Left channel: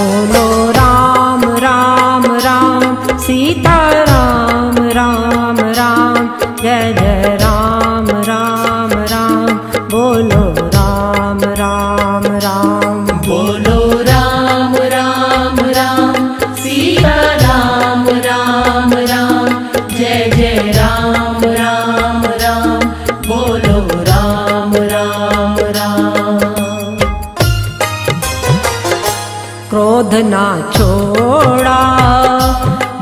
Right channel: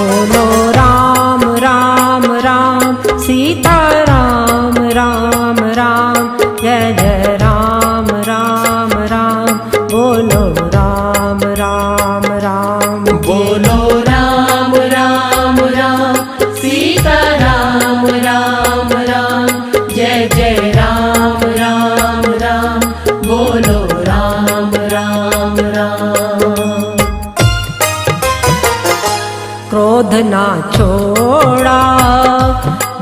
बोलो राम राम राम सीता राम राम राम, जय जय राम राम राम, बोलो राम राम राम। बोलो राम राम राम सीता राम राम राम, जय जय राम राम राम, बोलो राम राम राम। क्रोध ना छोड़ा,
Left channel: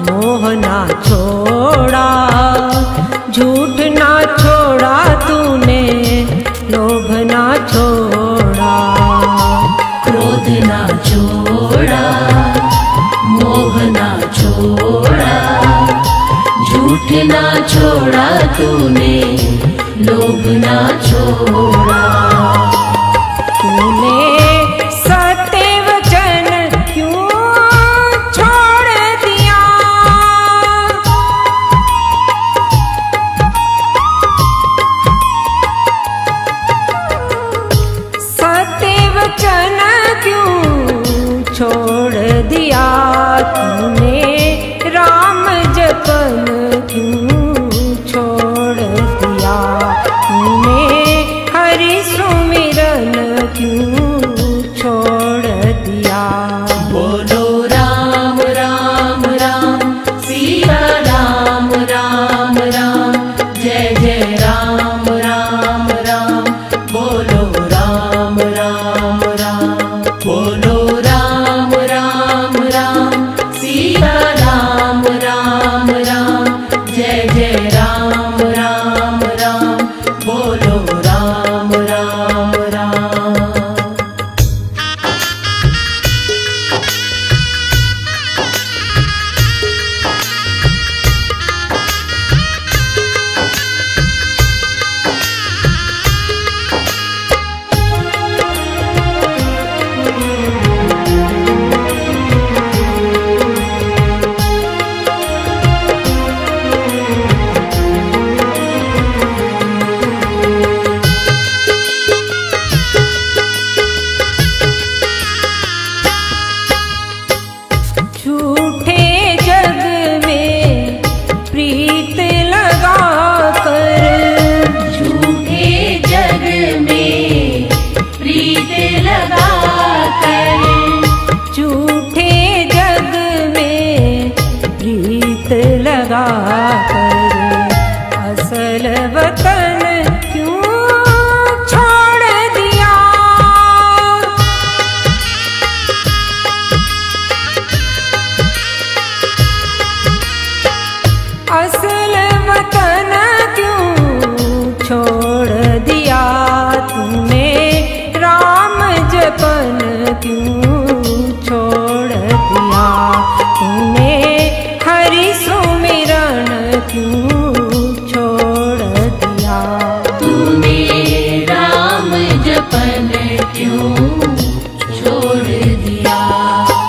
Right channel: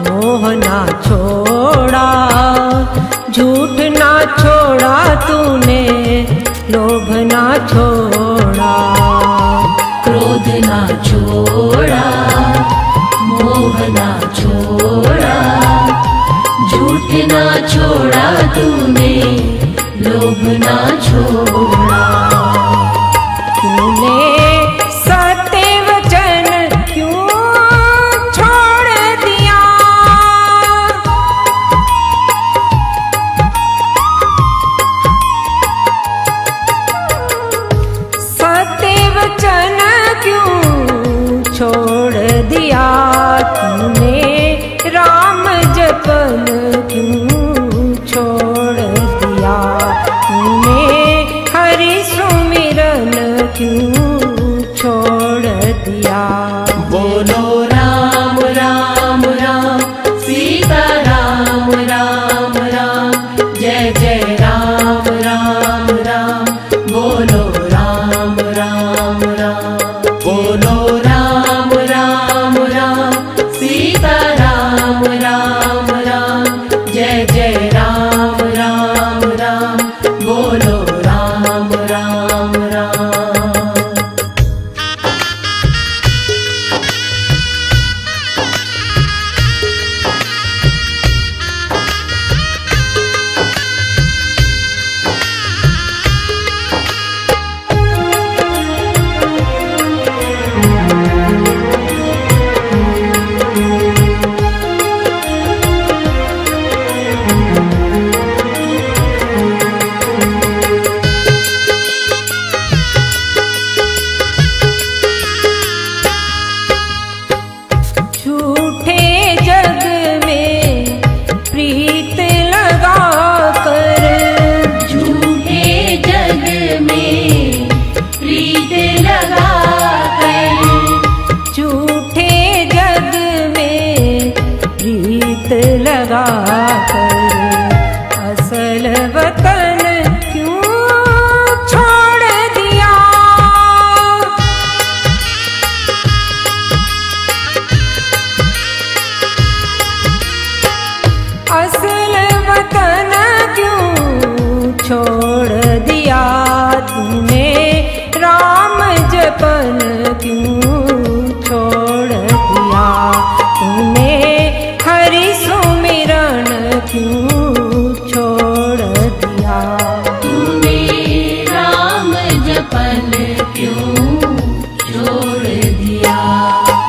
मोह ना छोड़ा, झूठ ना छोड़ा तूने, लोभ ना छोड़ा। क्रोध ना छोड़ा, मोह ना छोड़ा, झूठ ना छोड़ा तूने, लोभ ना छोड़ा। तूने सत्य वचन क्यों छोड़ दिया, सत्य वचन क्यों छोड़ दिया, तूने राम जपन क्यों छोड़ दिया, तूने हरि सुमिरन क्यों छोड़ दिया। बोलो राम राम राम सीता राम राम राम, जय जय राम राम राम, बोलो राम राम राम। बोलो राम राम राम सीता राम राम राम, जय जय राम राम राम, बोलो राम राम राम। झूठे जग में प्रीत लगा कर, झूठे जग में प्रीत लगा कर, झूठे जग में प्रीत लगा कर, असल वतन क्यों छोड़ दिया, असल वतन क्यों छोड़ दिया, तूने राम जपन क्यों छोड़ दिया, तूने हरि सुमिरन क्यों छोड़ दिया। तूने राम जपन क्यों छोड़ दिया।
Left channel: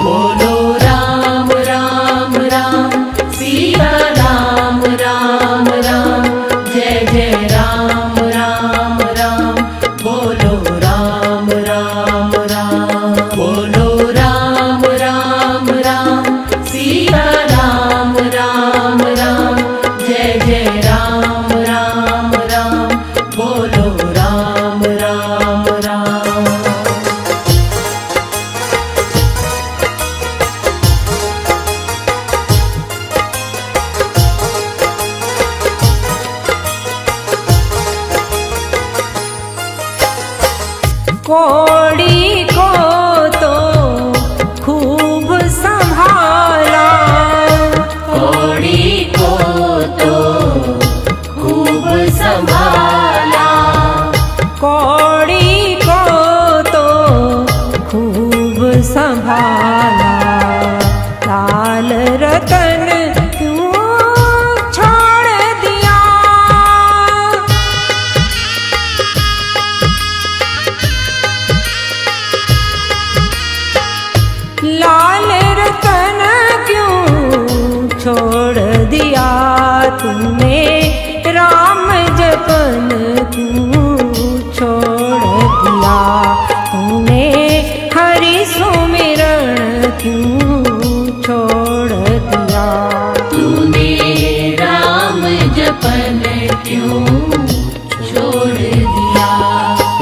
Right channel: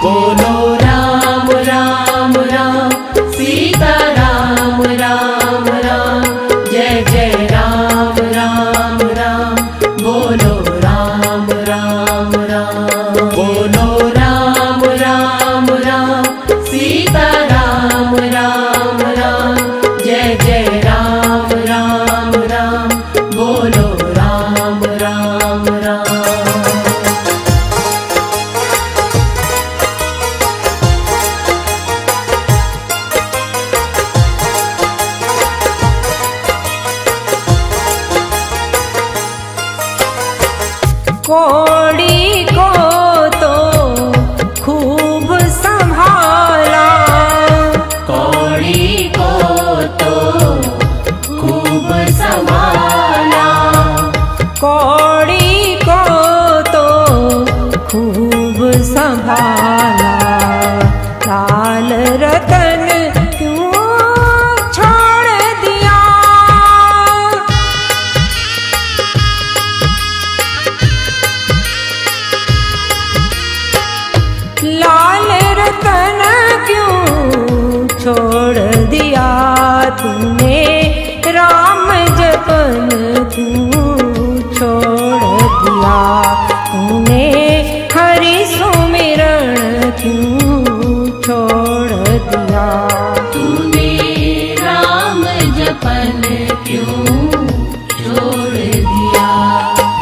बोलो राम राम राम सीता राम राम राम, जय जय राम राम राम, बोलो राम राम राम। बोलो राम राम राम सीता राम राम राम, जय जय राम राम राम, बोलो राम राम राम। कोड़ी को तो खूब संभाला, कोड़ी को तो खूब संभाला, कोड़ी को तो खूब संभाला, लाल रतन क्यों छोड़ दिया, लाल रतन क्यों छोड़ दिया, तूने राम जपन क्यों छोड़ दिया, तूने हरि सुमिरन क्यों छोड़ दिया? तूने राम जपन क्यों छोड़ दिया?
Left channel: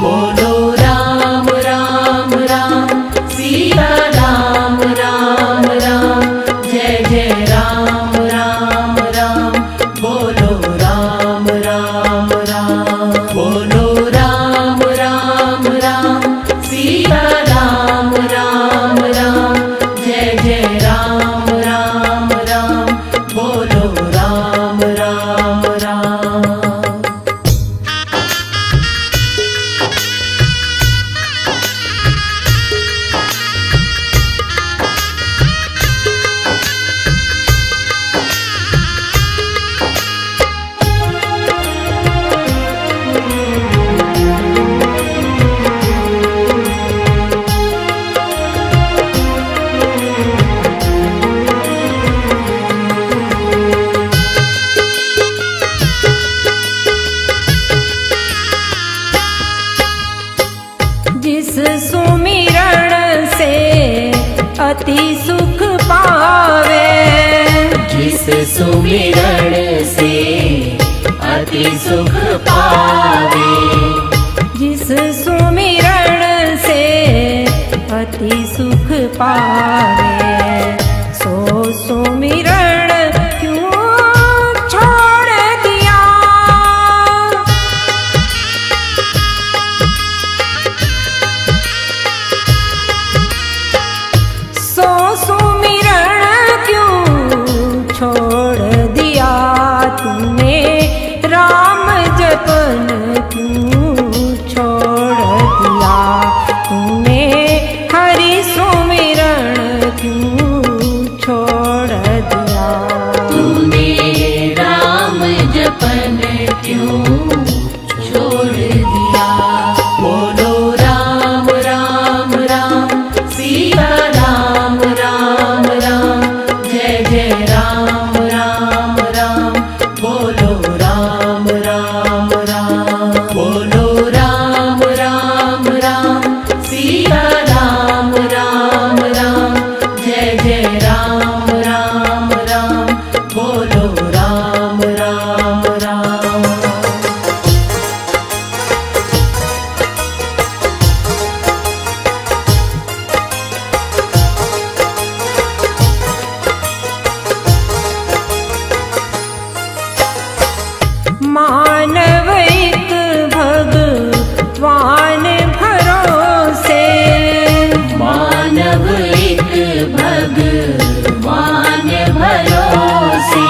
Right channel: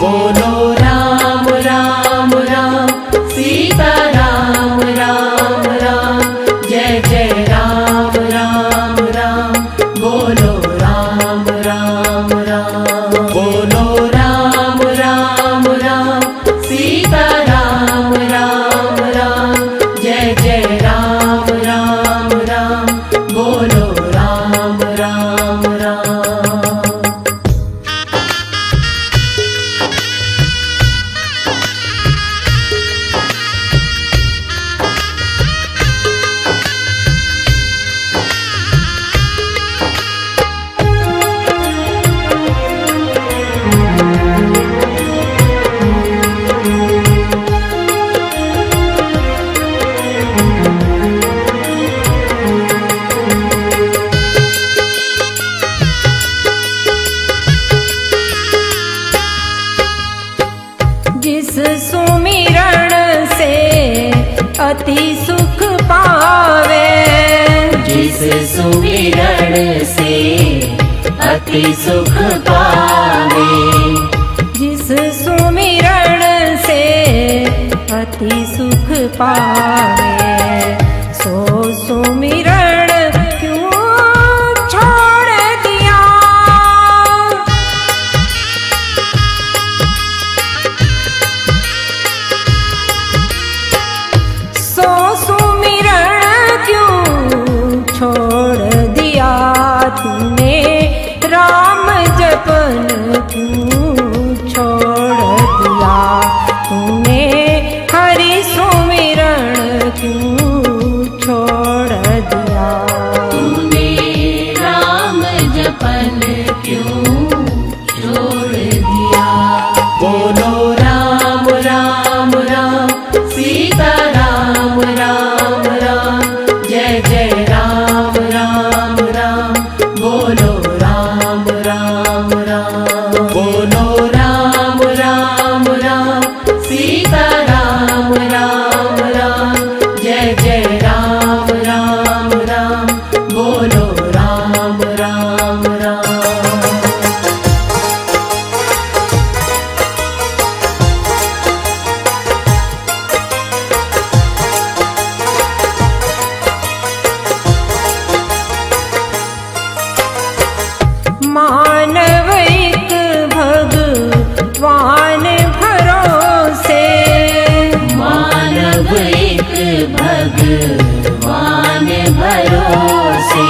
बोलो राम राम राम सीता राम राम राम, जय जय राम राम राम। बोलो राम राम राम, बोलो राम राम राम सीता राम राम राम, जय जय राम राम राम। बोलो राम राम राम। जिस सुमिरण से अति सुख पावे, जिस सुमिरण से अति सुख पावे, जिस सुमिरण से अति सुख पावे, सो सुमिरण क्यों छोड़ दिया? सो सुमिरण क्यों छोड़ दिया? तूने राम जपन क्यों छोड़ दिया? तूने हरि सुमिरण क्यों छोड़ दिया? तूने राम जपन क्यों छोड़ दिया? बोलो राम राम राम सीता राम राम राम, जय जय राम राम राम। बोलो राम राम राम, बोलो राम राम राम सीता राम राम राम, जय जय राम राम राम। बोलो राम राम राम। मानव एक भगवान भरोसे, मानव एक भगवान भरोसे,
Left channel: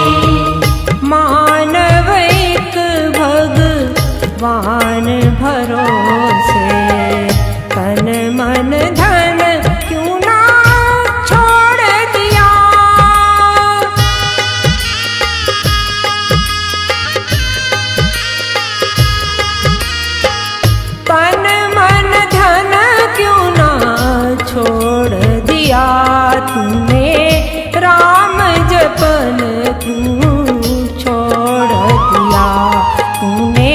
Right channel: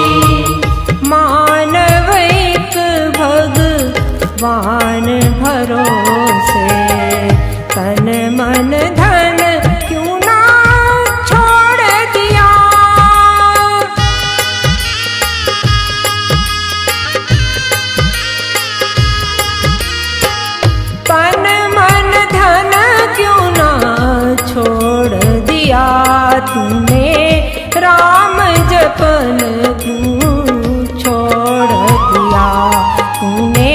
मानव एक भगवान भरोसे, तन मन धन क्यों ना छोड़ दिया? तन मन धन क्यों ना छोड़ दिया? तूने राम जपन क्यों छोड़ दिया? तूने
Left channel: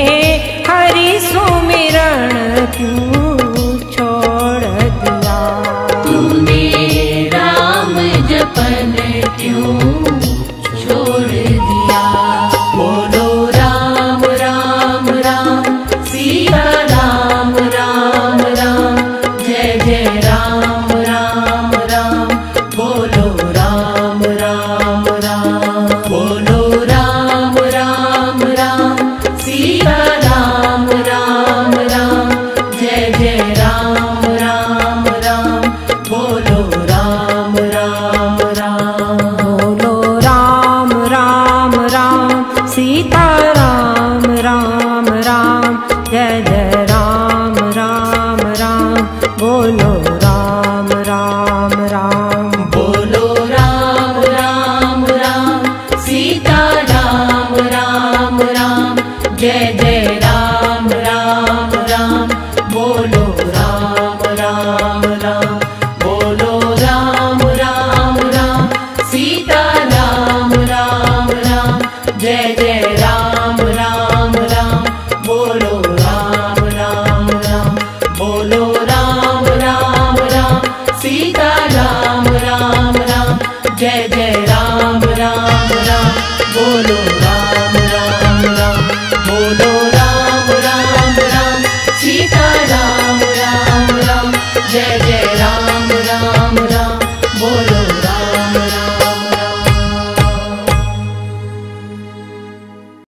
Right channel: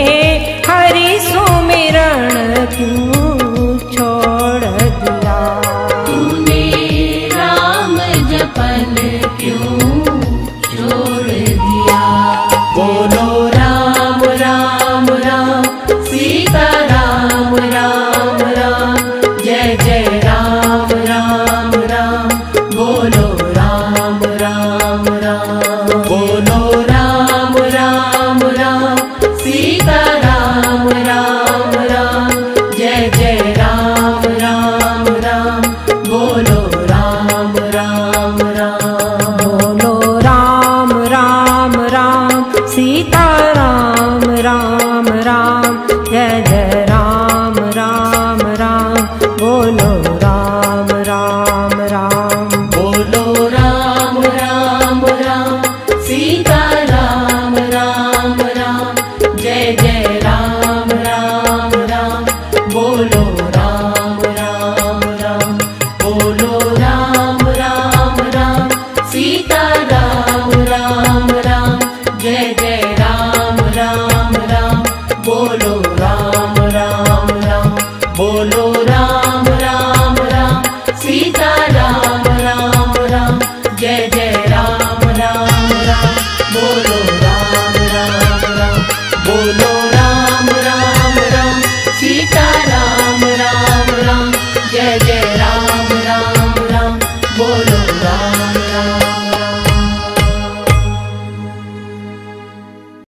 हरि सुमिरण क्यों छोड़ दिया? तूने राम जपन क्यों छोड़ दिया? बोलो राम राम राम सीता राम राम राम, जय जय राम राम राम। बोलो राम राम राम, बोलो राम राम राम सीता राम राम राम, जय जय राम राम राम। बोलो राम राम राम, बोलो राम राम राम सीता राम राम राम, जय जय राम राम राम। बोलो राम राम राम।